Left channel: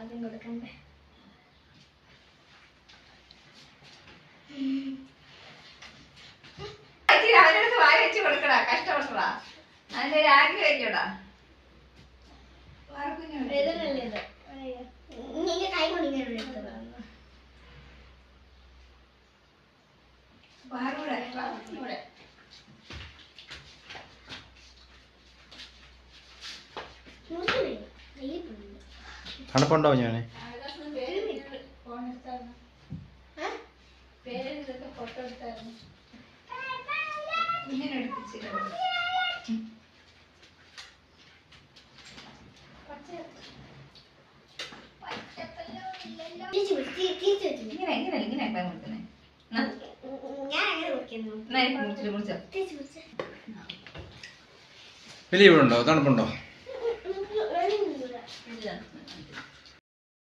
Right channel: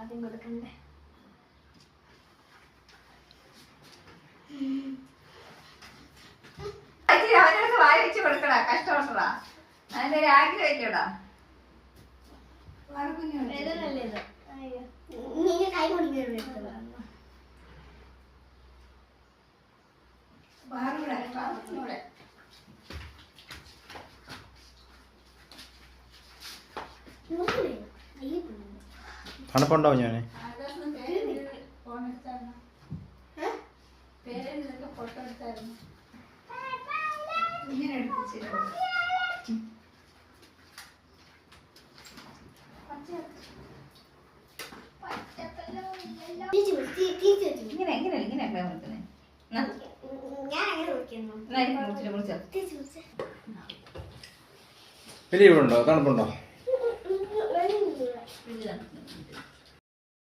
ആദ്യം കൊടുക്കണ്ടേ? അവനടുത്ത് വായി വെച്ച് കൊടുക്കടാ, കഷ്ടപ്പെടടാ. അതിന്റെ രാഗി കഴിക്കടാ. കൈ കൊണ്ടിങ്ങനെ തണുപ്പുണ്ടാവും ഞാന് ഇങ്ങനെ എടുപ്പിച്ച് ഇങ്ങനെ ഇങ്ങനെ ഇങ്ങനെ കൊടുത്തേ. വലിയ ഇവിടെ ഉണ്ടോ? തണുപ്പുണ്ടോ?